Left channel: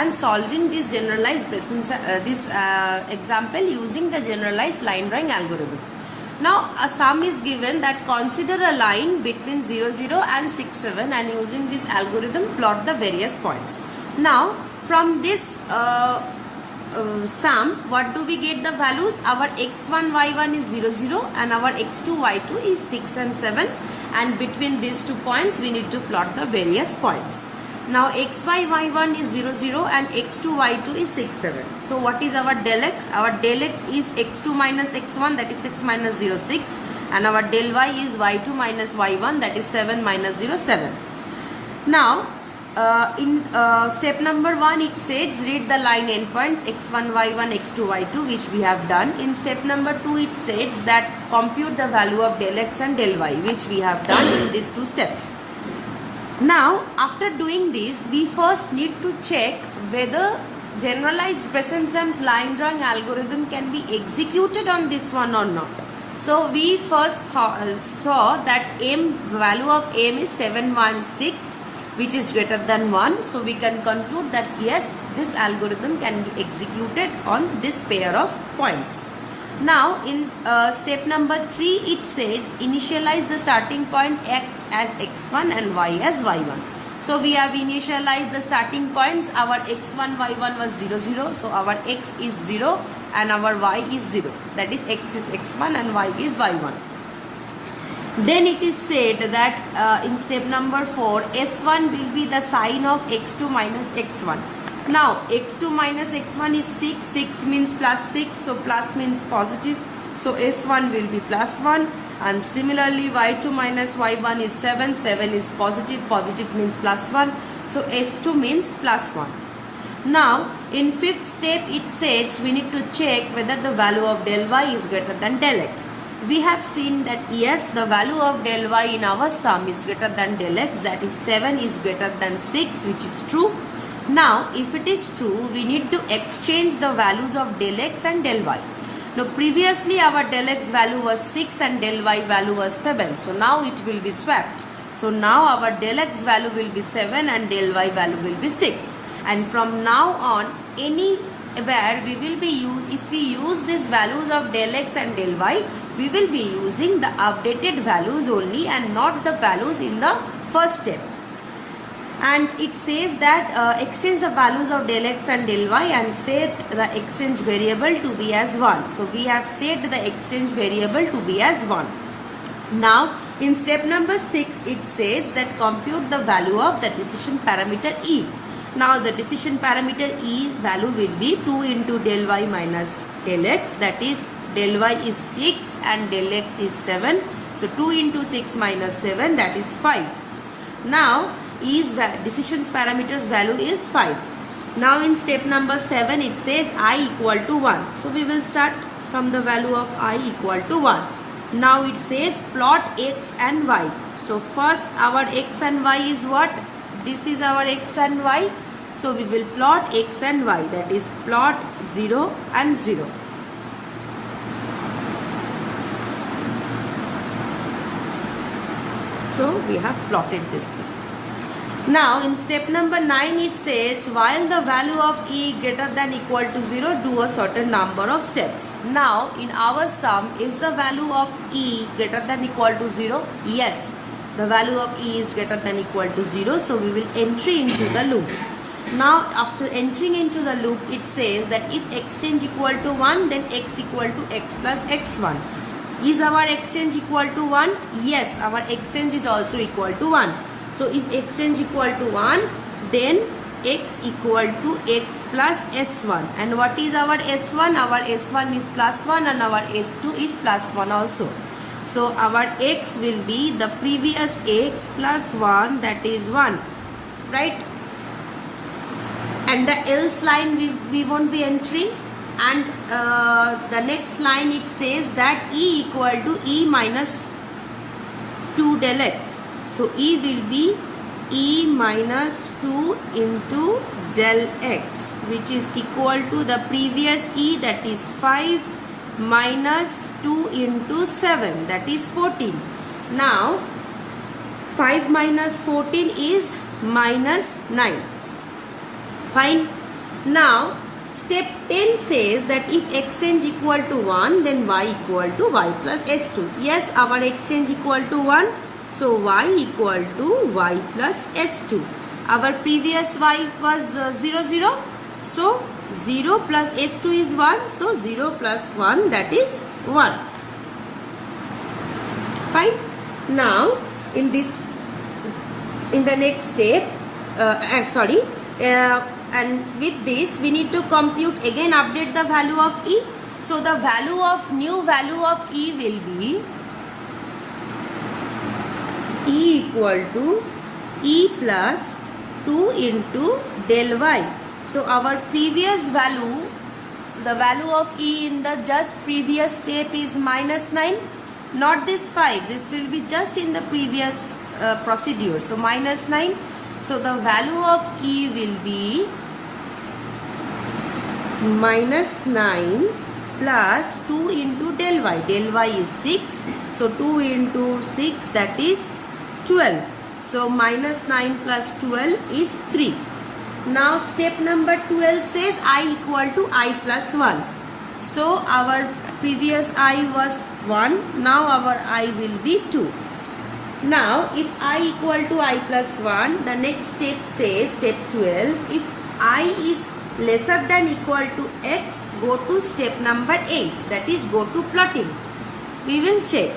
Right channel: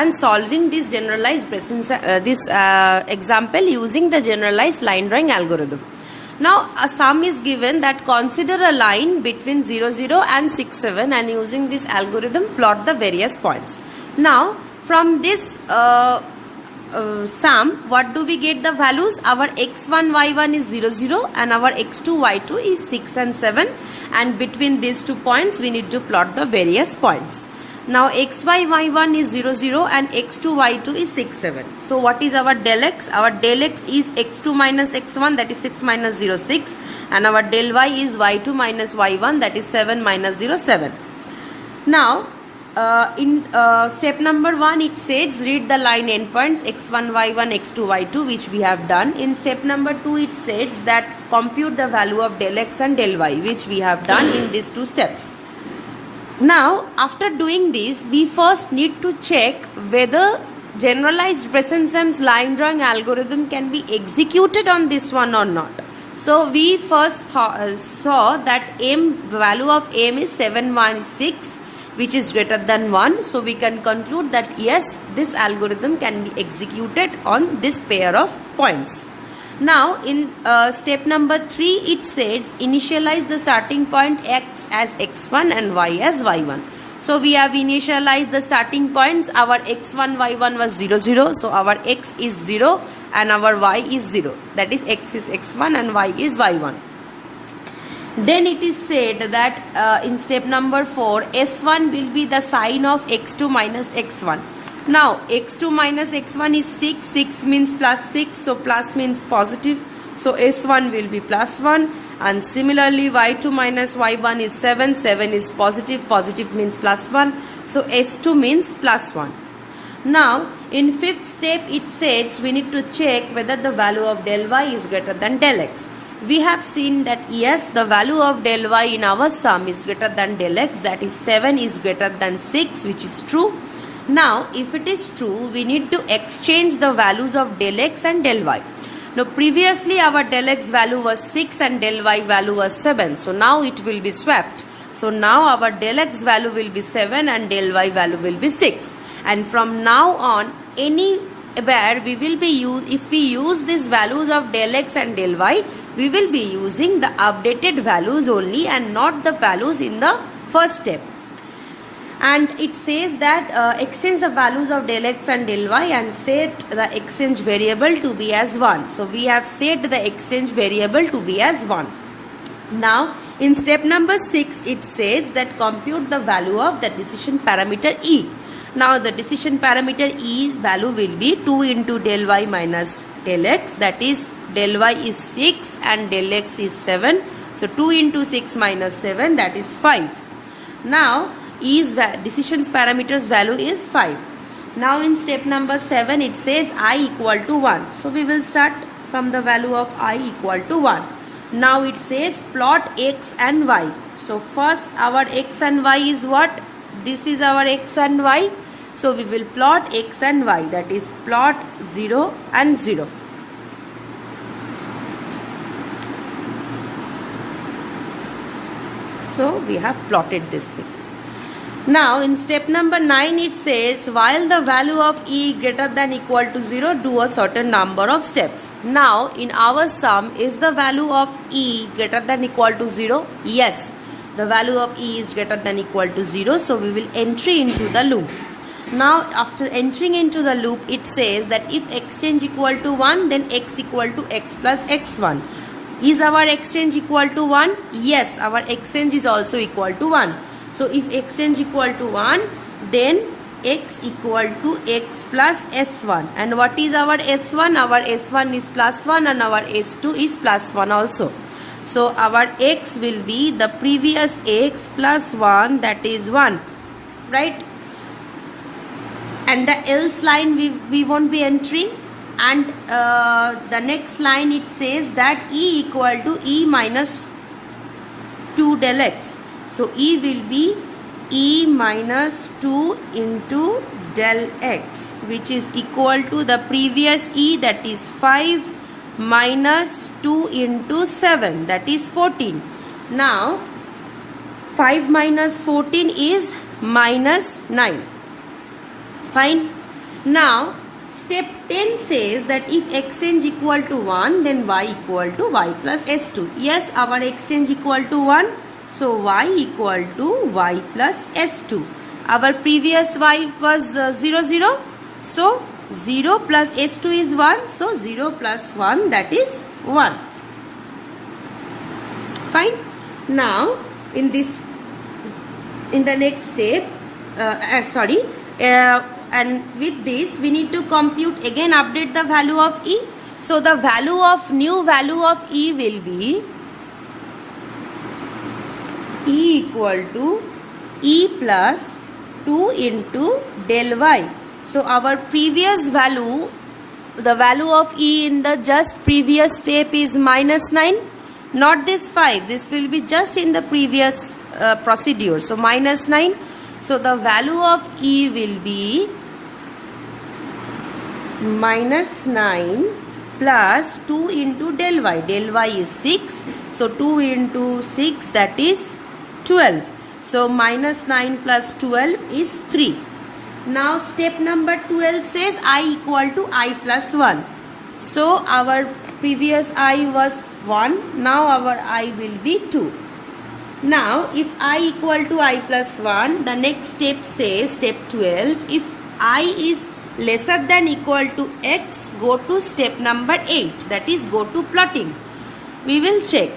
and solving this generalized example using the generalized line drawing algorithm. Now a sum is given that consider a line between 0, 0 and 6, 7, and using this algorithm plot the various points. Now from this sum, what do we get the values? Our x1, y1 is 0, 0 and our x2, y2 is 6 and 7, and between these 2 points we need to plot the various points. Now xy, y1 is 0, 0 and x2, y2 is 6, 7. So what is our del x? Our del x is x2 minus x1, that is 6 minus 0, 6, and our del y is y2 minus y1, that is 7 minus 0, 7. Now in step number 1 it says read the line endpoints x1, y1, x2, y2, which we have done. In step number 2 it says that compute the value of del x and del y, which we have done in these 2 steps. Now after doing this, we first need to check whether generalized Besson-Sams line drawing algorithm can be executed on this one or not. So we first saw that value of m is 716, which is greater than 1. So we can conclude that yes, this algorithm can be executed on this pair of points. Now in step number 3 it says initialize the starting point x as x1 and y as y1. So we have initialized the starting points. Our x1, y1 was 0, 0. So our x is 0 and our y is 0. That is x is x1 and y is y1. Then it is said that in step number 4, S1 will be the sign of x2 minus x1. Now x2 minus x1 is 6, 6 means plus 6, so plus means positive. So S1 will be plus 1, and similarly y2 minus y1 is 7, 7 is positive, positive means plus 1. So S2 means plus 1. Now in 5th step it says we need to check whether the value of del y is greater than del x. We have seen that yes, the value of del y in our sum is greater than del x, that is 7 is greater than 6, which is true. Now if it is true, we need to exchange the values of del x and del y. Now previously our del x value was 6 and del y value was 7, so now it will be swapped. So now our del x value will be 7 and del y value will be 6, and from now on anywhere we will be if we use these values of del x and del y, we will be using the updated values only and not the values in the first step. And it says that exchange the values of del x and del y and set the exchange variable to be as 1. So we have set the exchange variable to be as 1. Now in step number 6 it says that compute the value of the decision parameter E. Now the decision parameter E value will be 2 into del y minus del x, that is del y is 6 and del x is 7. So 2 into 6 minus 7, that is 5. Now E's decisions parameters value is 5. Now in step number 7 it says I equal to 1. So we will start from the value of I equal to 1. Now it says plot x and y. So first our x and y is what? This is our x and y. So we will plot x and y, that is plot 0 and 0. So we have plotted this thing. Now in step number 9 it says while the value of E greater than equal to 0, do a certain number of steps. Now in our sum, is the value of E greater than equal to 0? Yes, the value of E is greater than equal to 0, so we will enter into the loop. Now after entering into the loop it says that if exchange equal to 1, then x equal to x plus x1. Is our exchange equal to 1? Yes, our exchange is also equal to 1. So if exchange equal to 1, then x equal to x plus s1. And what is our s1? Our s1 is plus 1 and our s2 is plus 1 also. So our x will be the previous x plus 1, that is 1, right? And the else line we won't be entering. And the next line it says that E equal to E minus 2 del x. So E will be E minus 2 into del x, which is equal to the previous E, that is 5 minus 2 into 7, that is 14. Now 5 minus 14 is minus 9. Fine. Now step 10 says that if exchange equal to 1, then y equal to y plus s2. Yes, our exchange equal to 1, so y equal to y plus s2. Our previous y was 0 0, so 0 plus s2 is 1, so 0 plus 1, that is 1. Fine. Now in the next step, and with this we need to compute again, update the value of e. So the new value of e will be e equal to e plus 2 into del y. So our previous value, the value of e in the just previous step is minus 9, not this 5. This will be just in the previous procedure. So minus 9. So the value of e will be minus 9 plus 2 into del y. Del y is 6. So 2 into 6, that is 12. So minus 9 plus 12 is 3. Now step number 12 says I equal to I plus 1. So our previous I was 1. Now our I will be 2. Now if I equal to I plus 1, the next step says, step 12, if I is lesser than equal to x, go to step number 8, that is go to plotting. We will check.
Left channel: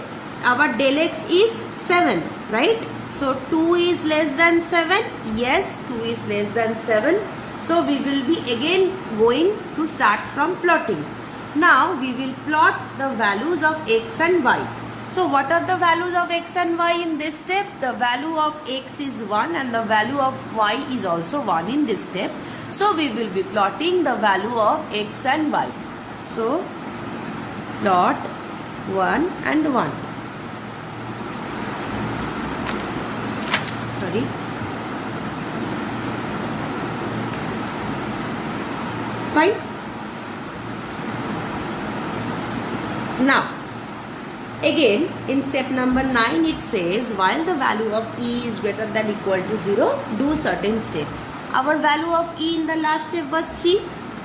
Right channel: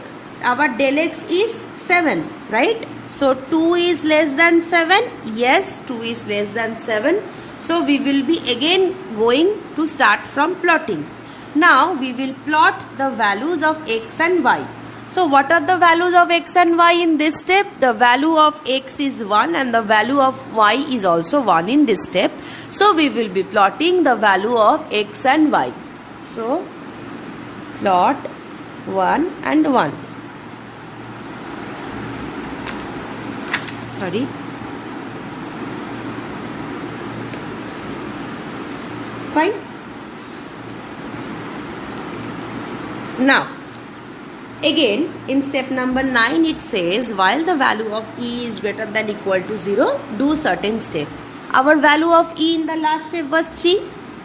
Our del x is 7, right? So 2 is less than 7. Yes, 2 is less than 7. So we will be again going to start from plotting. Now we will plot the values of x and y. So what are the values of x and y in this step? The value of x is 1 and the value of y is also 1 in this step. So we will be plotting the value of x and y. So plot 1 and 1. Sorry. Fine. Now again, in step number 9, it says while the value of e is greater than equal to 0, do certain step. Our value of e in the last step was 3.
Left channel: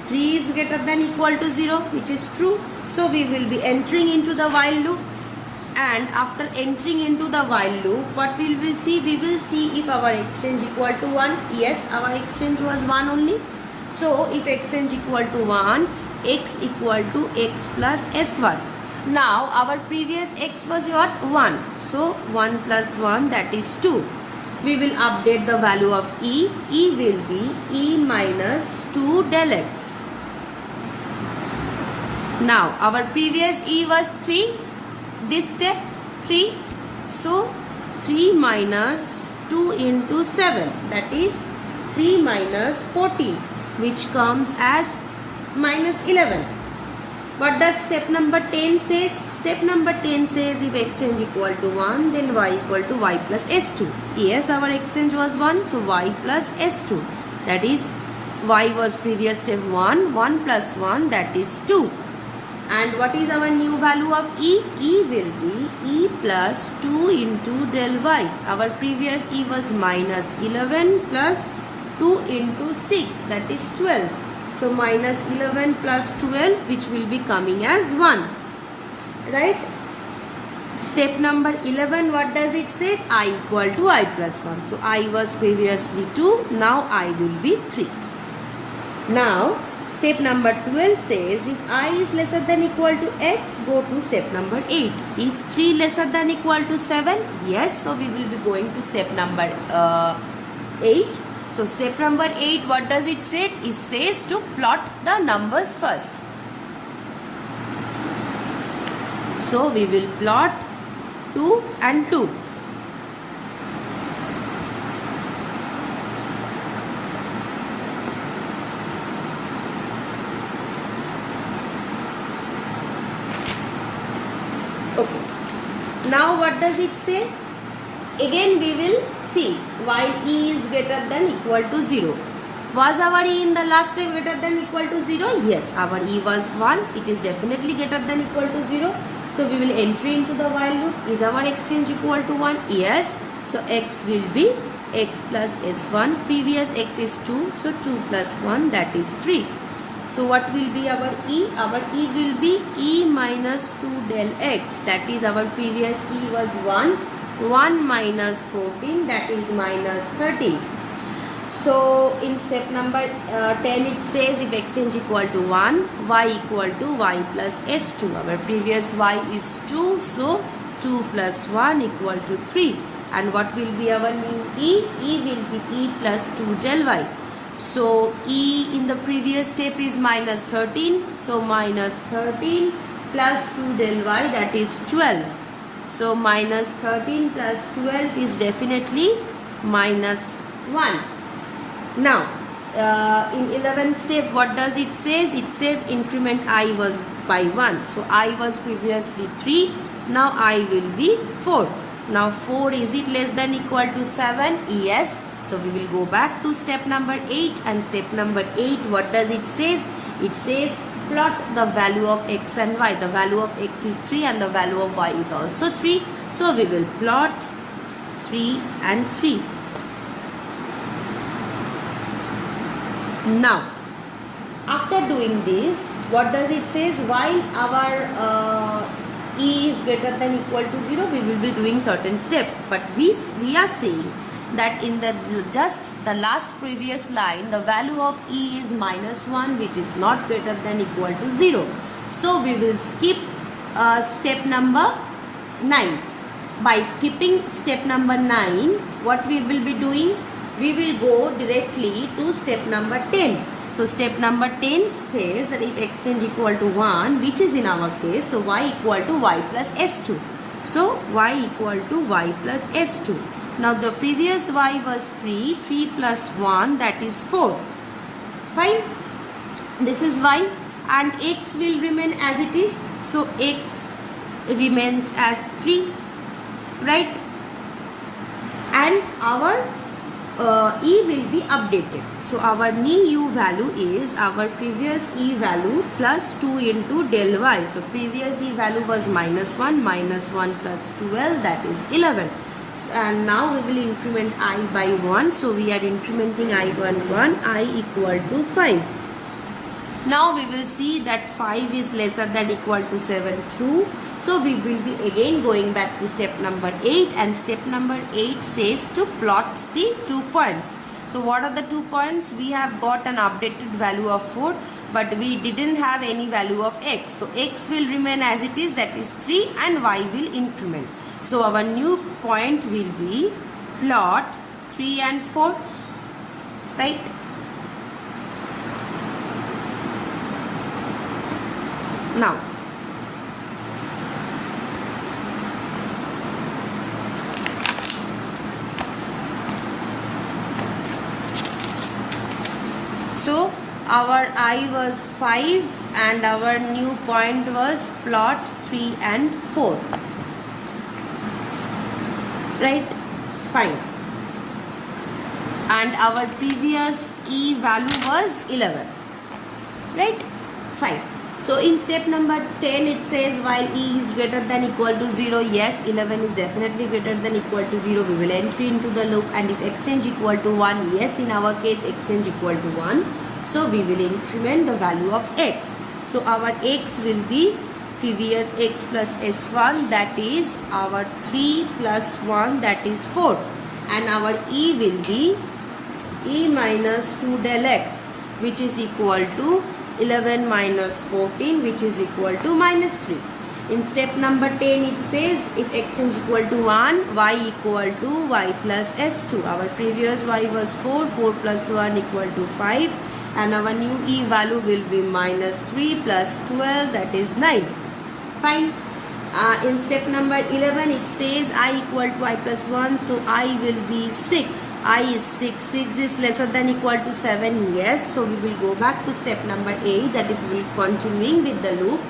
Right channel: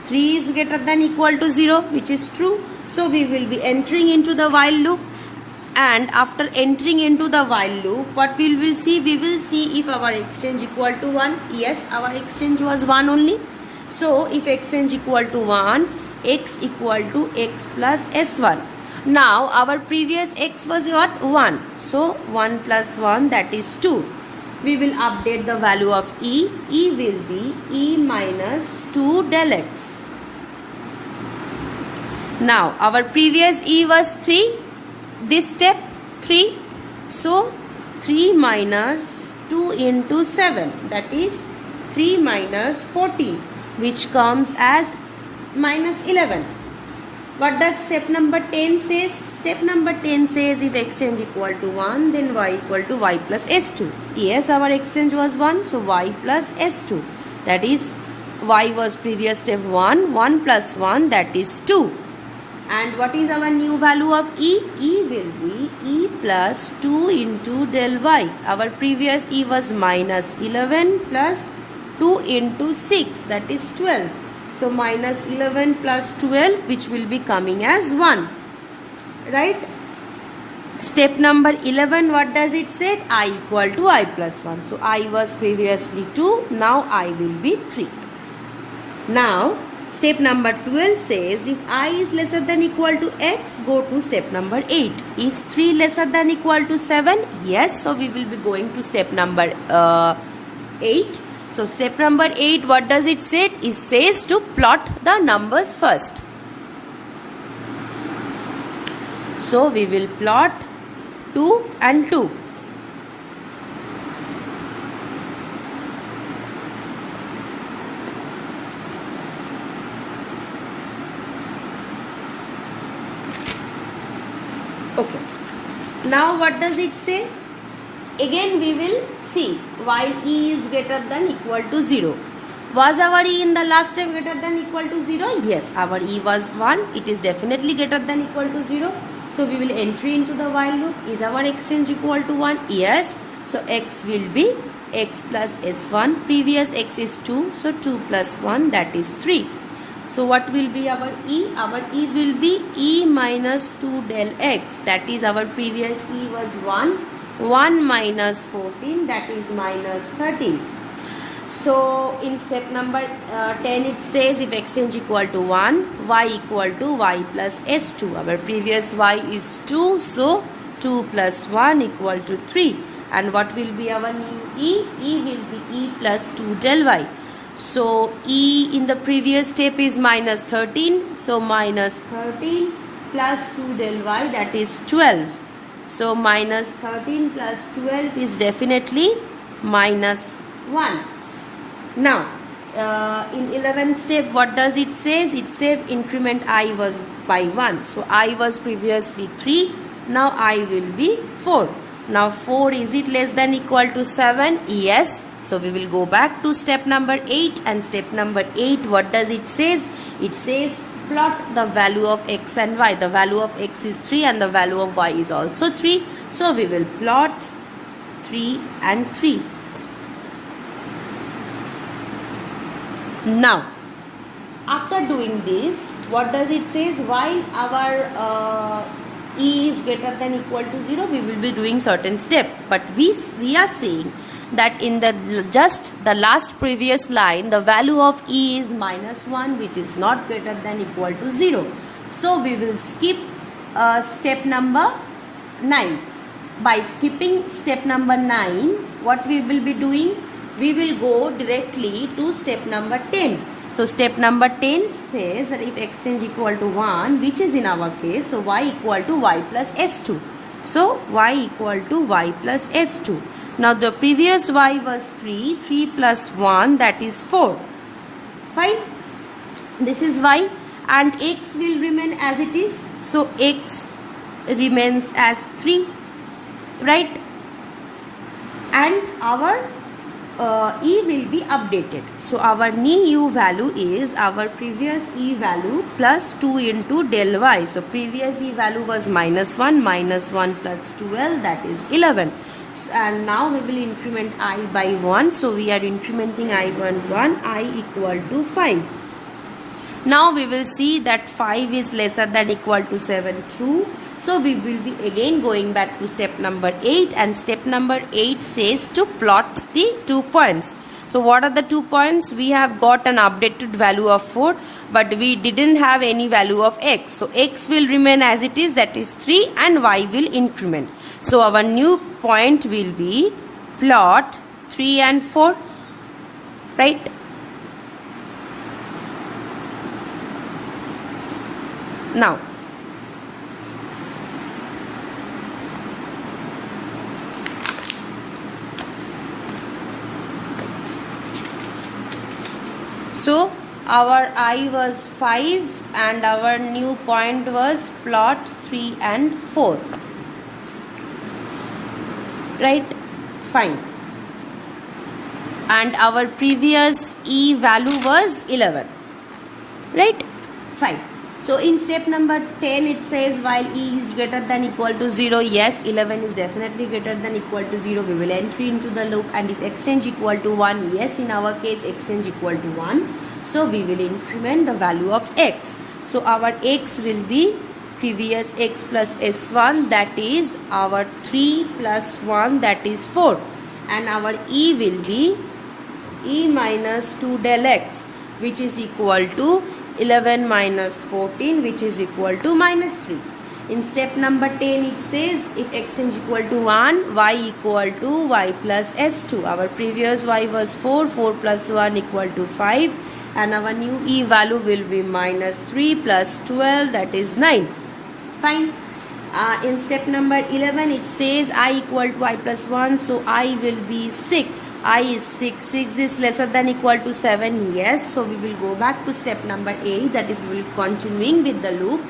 3 is greater than equal to 0, which is true. So we will be entering into the while loop. And after entering into the while loop, what we will see? We will see if our exchange equal to 1. Yes, our exchange was 1 only. So if exchange equal to 1, x equal to x plus s1. Now our previous x was what? 1. So 1 plus 1, that is 2. We will update the value of e. E will be e minus 2 del x. Now our previous e was 3. This step 3. So 3 minus 2 into 7, that is 3 minus 14, which comes as minus 11. What does step number 10 says? Step number 10 says if exchange equal to 1, then y equal to y plus s2. Yes, our exchange was 1, so y plus s2. That is, y was previous step 1, 1 plus 1, that is 2. And what is our new value of e? E will be e plus 2 into del y. Our previous e was minus 11 plus 2 into 6, that is 12. So minus 11 plus 12, which will be coming as 1. Right? Step number 11, what does it say? I equal to I plus 1. So I was previously 2, now I will be 3. Now, step number 12 says if I is lesser than equal to x, go to step number 8. Is 3 lesser than equal to 7? Yes, so we will be going to step number 8. So step number 8, what does it say? It says to plot the numbers first. So we will plot 2 and 2. Okay. Now what does it say? Again we will see while e is greater than equal to 0. Was our e in the last step greater than equal to 0? Yes, our e was 1. It is definitely greater than equal to 0. So we will enter into the while loop. Is our exchange equal to 1? Yes. So x will be x plus s1. Previous x is 2, so 2 plus 1, that is 3. So what will be our e? Our e will be e minus 2 del x, that is our previous e was 1. 1 minus 14, that is minus 13. So in step number 10 it says if exchange equal to 1, y equal to y plus s2. Our previous y is 2, so 2 plus 1 equal to 3. And what will be our new e? E will be e plus 2 del y. So e in the previous step is minus 13. So minus 13 plus 2 del y, that is 12. So minus 13 plus 12 is definitely minus 1. Now in 11th step what does it says? It says increment I was by 1. So I was previously 3. Now I will be 4. Now 4, is it less than equal to 7? Yes. So we will go back to step number 8, and step number 8, what does it says? It says plot the value of x and y. The value of x is 3 and the value of y is also 3. So we will plot 3 and 3. Now after doing this, what does it says? While our e is greater than equal to 0, we will be doing certain step, but we are saying that in the just the last previous line the value of e is minus 1, which is not greater than equal to 0. So we will skip step number 9. By skipping step number 9, what we will be doing? We will go directly to step number 10. So step number 10 says that if exchange equal to 1, which is in our case, so y equal to y plus s2. So y equal to y plus s2. Now the previous y was 3. 3 plus 1, that is 4. Fine. This is y, and x will remain as it is. So x remains as 3, right? And our e will be updated. So our new value is our previous e value plus 2 into del y. So previous e value was minus 1 plus 12, that is 11. And now we will increment I by 1. So we are incrementing I by 1, I equal to 5. Now we will see that 5 is lesser than equal to 7, true. So we will be again going back to step number 8, and step number 8 says to plot the 2 points. So what are the 2 points? We have got an updated value of 4, but we didn't have any value of x. So x will remain as it is, that is 3, and y will increment. So our new point will be plot 3 and 4, right? Now so our I was 5 and our new point was plot 3 and 4. Right? Fine. And our previous E value was 11. Right? Fine. So in step number 10 it says while E is greater than equal to 0, yes, 11 is definitely greater than equal to 0. We will enter into the loop, and if exchange equal to 1, yes, in our case exchange equal to 1. So we will increment the value of x. So our x will be previous x plus s1, that is our 3 plus 1, that is 4. And our E will be E minus 2 del x, which is equal to 11 minus 14, which is equal to minus 3. In step number 10 it says if exchange equal to 1, y equal to y plus s2. Our previous y was 4, 4 plus 1 equal to 5, and our new E value will be minus 3 plus 12, that is 9. Fine. In step number 11 it says I equal to I plus 1, so I will be 6. I is 6. 6 is lesser than equal to 7, yes. So we will go back to step number 8, that is we will continuing with the loop.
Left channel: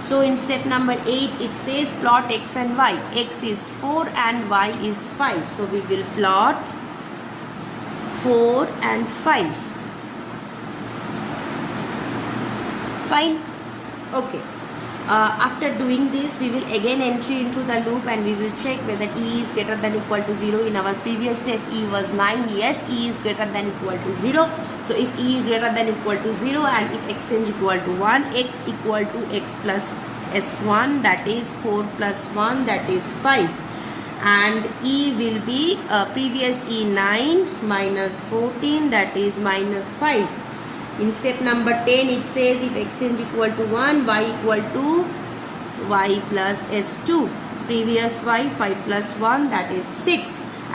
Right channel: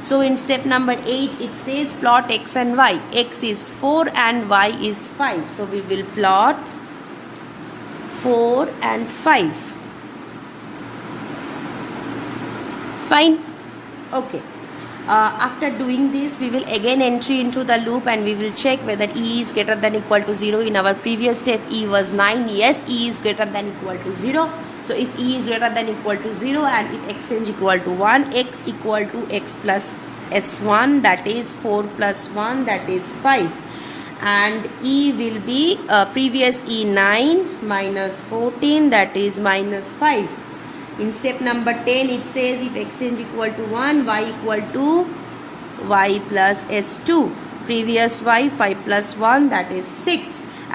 So in step number 8 it says plot x and y. X is 4 and y is 5. So we will plot 4 and 5. Fine. Okay. After doing this, we will again enter into the loop and we will check whether E is greater than equal to 0. In our previous step, E was 9. Yes, E is greater than equal to 0. So if E is greater than equal to 0 and if x is equal to 1, x equal to x plus s1, that is 4 plus 1, that is 5. And E will be previous E 9 minus 14, that is minus 5. In step number 10, it says if x is equal to 1, y equal to y plus s2. Previous y, 5 plus 1, that is 6.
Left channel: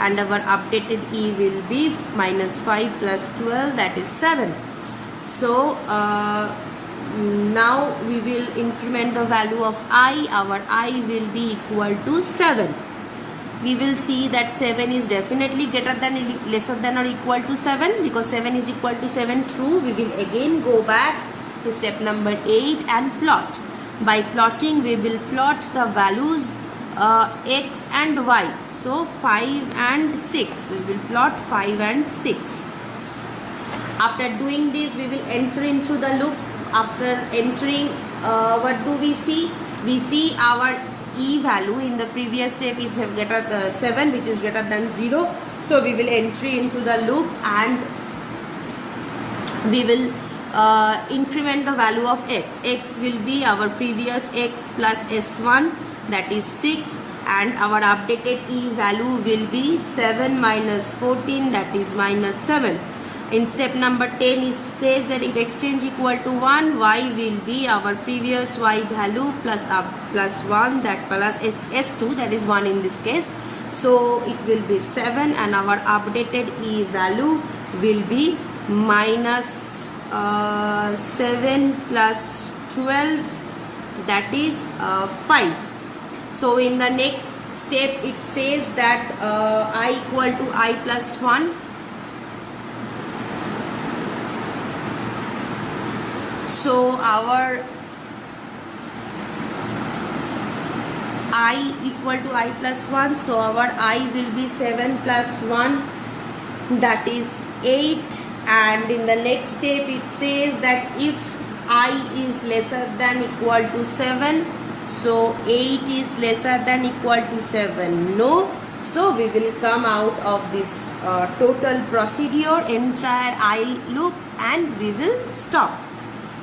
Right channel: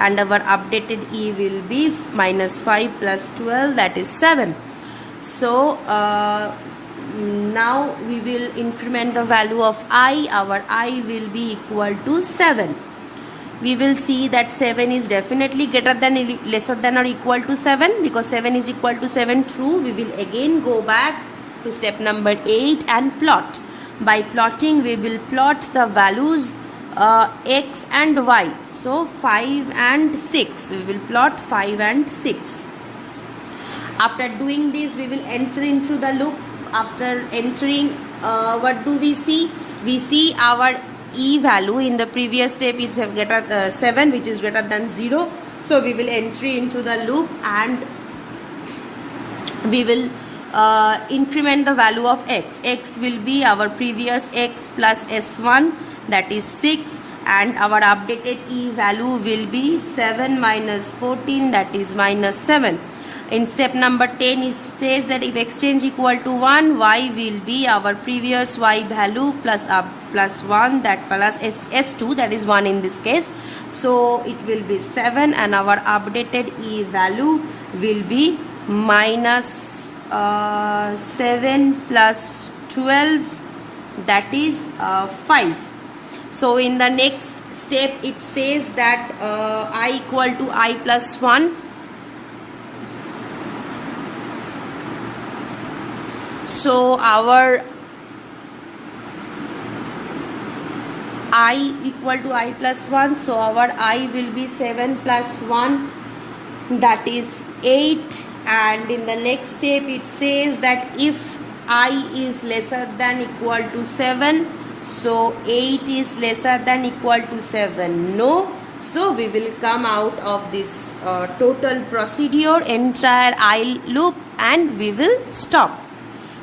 And our updated E will be minus 5 plus 12, that is 7. So, now we will increment the value of I. Our I will be equal to 7. We will see that 7 is definitely greater than, lesser than or equal to 7, because 7 is equal to 7, true. We will again go back to step number 8 and plot. By plotting, we will plot the values x and y. So 5 and 6. We will plot 5 and 6. After doing this, we will enter into the loop. After entering, what do we see? We see our E value in the previous step is greater 7, which is greater than 0. So we will enter into the loop and we will increment the value of x. X will be our previous x plus s1, that is 6, and our updated E value will be 7 minus 14, that is minus 7. In step number 10, it says that if x is equal to 1, y will be our previous y value plus 1, that plus s2, that is 1 in this case. So it will be 7 and our updated E value will be minus 7 plus 12, that is 5. So in the next step, it says that I equal to I plus 1. So our I equal to I plus 1. So our I will be 7 plus 1, that is 8. And in the next step, it says that if I is lesser than equal to 7, so 8 is lesser than equal to 7. No. So we will come out of this total procedure, entire I loop, and we will stop.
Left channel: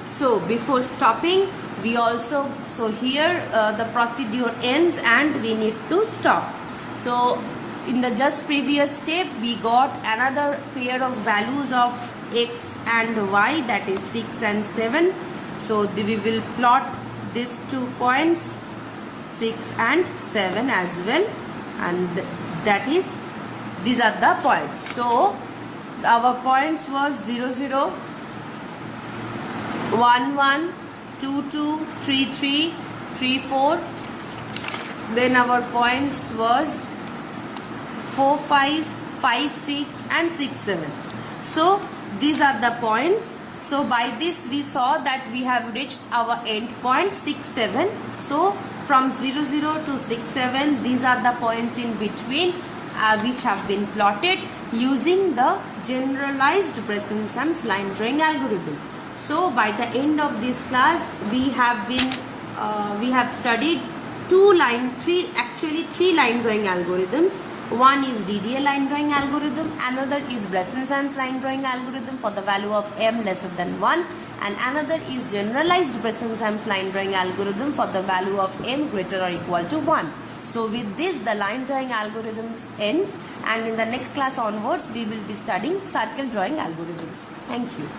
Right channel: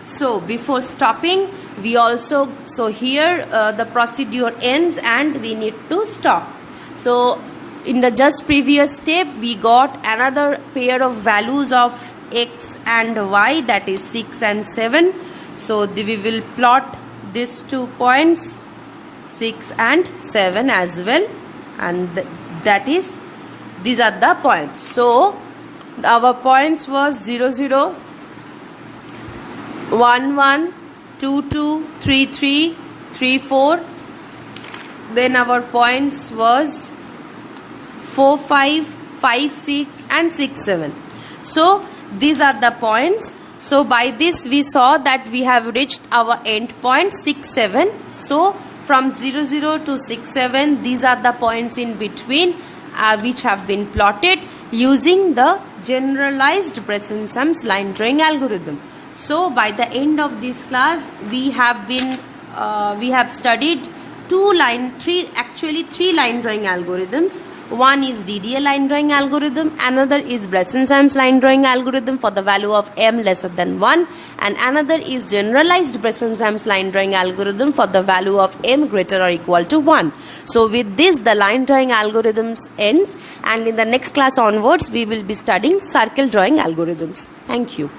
So before stopping, we also, so here the procedure ends and we need to stop. So in the just previous step, we got another pair of values of x and y, that is 6 and 7. So we will plot these 2 points, 6 and 7 as well, and that is, these are the points. So our points was 0 0, 1 1, 2 2, 3 3, 3 4. Then our points was 4 5, 5 6 and 6 7. So these are the points. So by this we saw that we have reached our end point 6 7. So from 0 0 to 6 7, these are the points in between which have been plotted using the generalized Bresson-Sums line drawing algorithm. So by the end of this class, we have studied three line drawing algorithms. One is DDA line drawing algorithm, another is Bresson-Sums line drawing algorithm for the value of m lesser than 1, and another is generalized Bresson-Sums line drawing algorithm for the value of m greater or equal to 1. So with this, the line drawing algorithms ends, and in the next class onwards, we will be studying circle drawing algorithms. Thank you.